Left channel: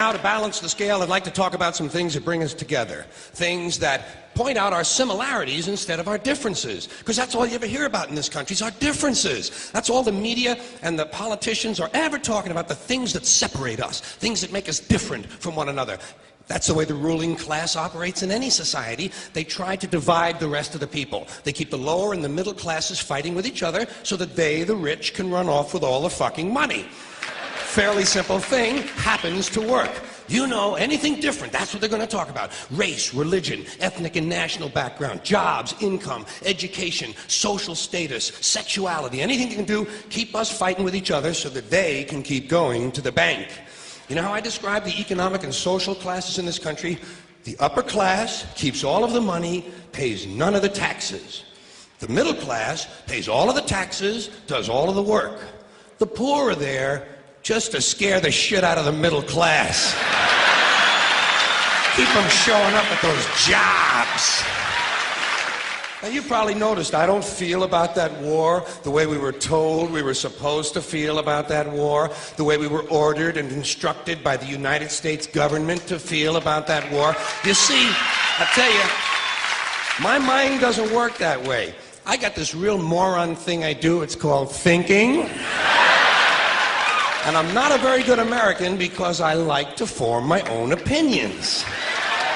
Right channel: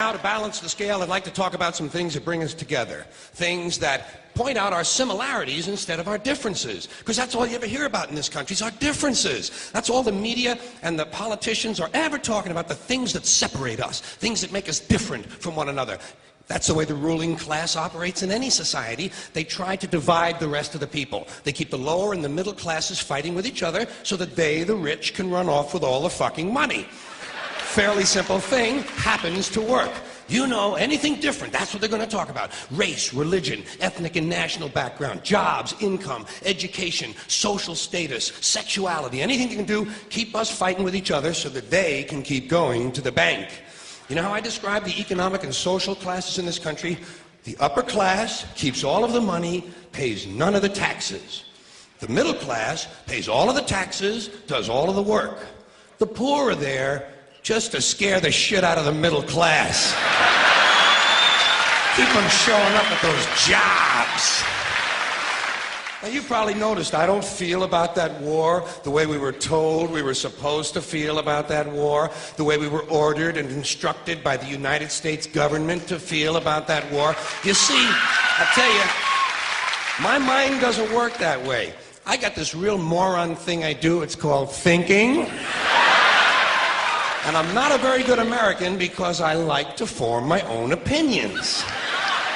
Now, to balance the scale, I'd like to talk about some things that bring us together. Things that point out our similarities instead of our differences. Because that's all you ever hear about in this country is our differences. That's all the media and the politicians are ever talking about, the things that separate us, things that make us different from one another. That's the way the ruling class operates in any society. They try to divide the rest of the people. They keep the lower and the middle classes fighting with each other so that they, the rich, can run off with all the fucking money. Fairly simple thing, happens to work. You know, anything different, that's what they're going to talk about. Race, religion, ethnic and national background, jobs, income, education, social status, sexuality, anything you can do, keep us fighting with each other so that they can keep going to the bank. You know how I describe the economic and social classes in this country? The upper class keeps all of the money, pays none of the taxes. The middle class pays all of the taxes, does all of the work. The poor are there just to scare the shit out of the middle class. Keep them showing up at those jobs. Now, you probably noticed I don't feel about that war the way we were told we were supposed to feel about that war, the way we were ordered and instructed by the United States government to feel about that war. You see, I tell you, my mind doesn't work that way. I got this real moron thing I do. It's called thinking. And I'm not a very good American because I like to form my own opinions.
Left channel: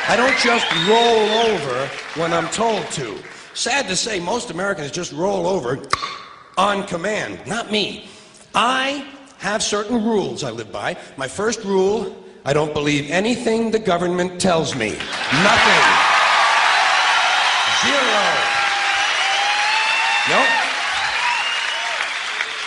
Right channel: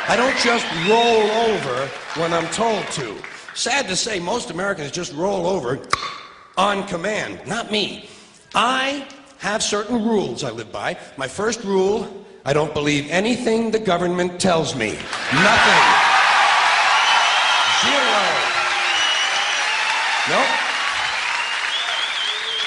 I don't just roll over when I'm told to. Sad to say, most Americans just roll over on command. Not me. I have certain rules I live by. My first rule, I don't believe anything the government tells me. Nothing. Zero. Nope.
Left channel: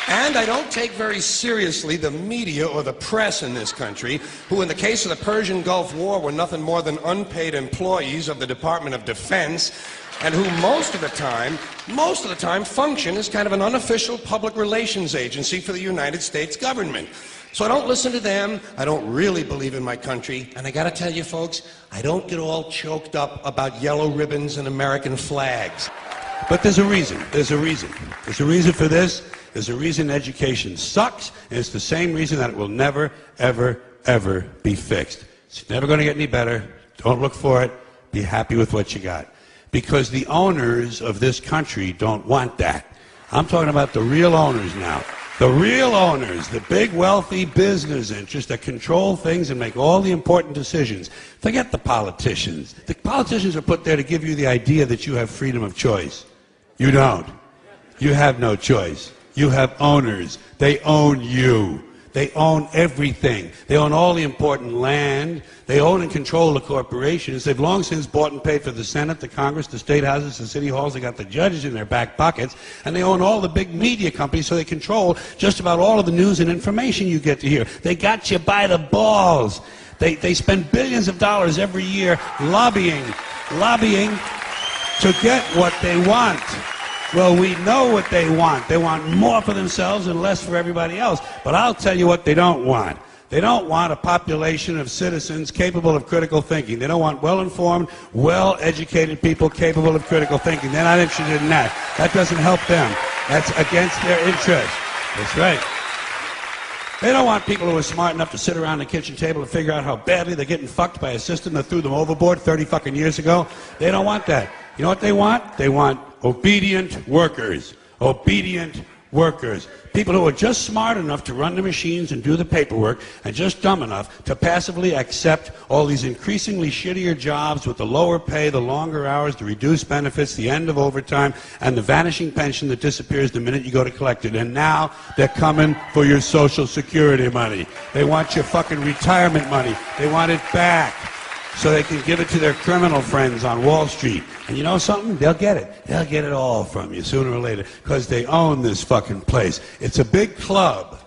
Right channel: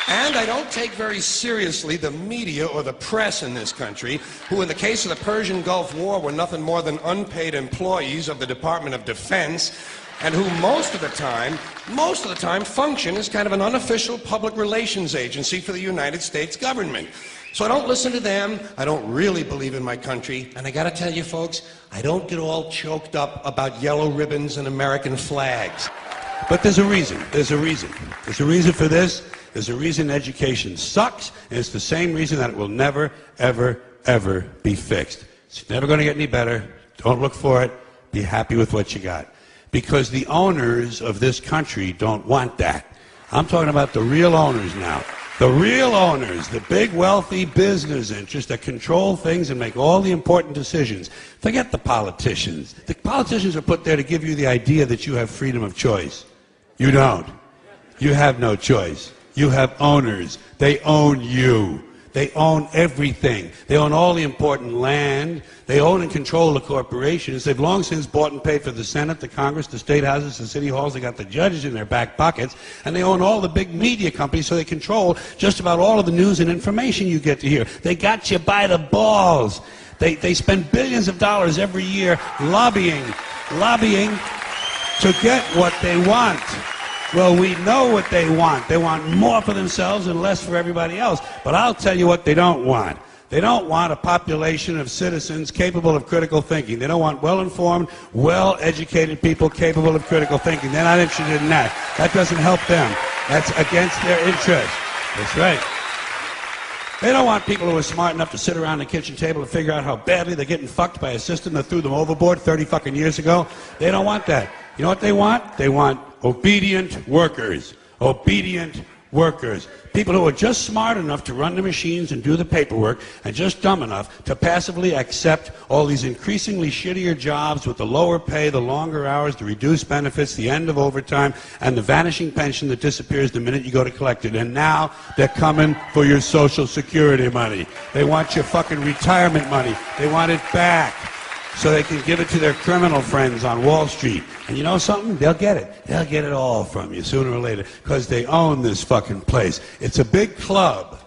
And I don't take very seriously the media or the press in this country, who in the case of the Persian Gulf War were nothing more than unpaid employees of the Department of Defense, and who most of the time function as kind of an unofficial public relations agency for the United States government. So I don't listen to them, I don't really believe in my country, and I gotta tell you folks, I don't get all choked up about yellow ribbons and American flags. But there's a reason. There's a reason for this. There's a reason education sucks, and it's the same reason that it will never, ever, ever be fixed. It's never going to get any better. Don't look for it. Be happy with what you got. Because the owners of this country don't want that. I'm talking about the real owners now. The real owners, the big wealthy business interests that control things and make all the important decisions. Forget the politicians. The politicians are put there to give you the idea that you have freedom of choice. You don't. You have no choice. You have owners. They own you. They own everything. They own all the important land. They own and control the corporations. They've long since bought and paid for the Senate, the Congress, the state houses, the city halls. They got the judges in their back pockets. And they own all the big media companies, so they control just about all of the news and information you get to hear. They got you by the balls. They spend billions of dollars every year lobbying to get what they want. Well, we know what they want. They want more for themselves and less for everybody else. But I'll tell you what they don't want. They don't want a population of citizens capable of critical thinking. They don't want well-informed, well-educated people capable of critical thinking. They're not interested in that. That doesn't help them. That's against their interest. That's right. They don't want people who are smart enough to sit around the kitchen table and figure out how badly they're getting fucked by a system that threw them overboard 30 fucking years ago. They don't want that. You know what they want? They want obedient workers. Obedient workers. People who are just smart enough to run the machines and do the paperwork, and just dumb enough to passively accept all these increasingly shittier jobs with the lower pay, the longer hours, the reduced benefits, the end of overtime, and the vanishing pension that disappears the minute you go to collect it. And now they're coming for your Social Security money. They want your fucking retirement money. They want it back so they can give it to their criminal friends on Wall Street. And you know something? They'll get it. They'll get it all from you sooner or later, because they own this fucking place. It's a big club,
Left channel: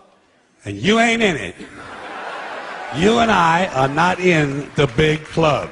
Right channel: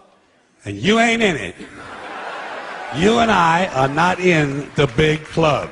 and you ain't in it. You and I are not in the big club.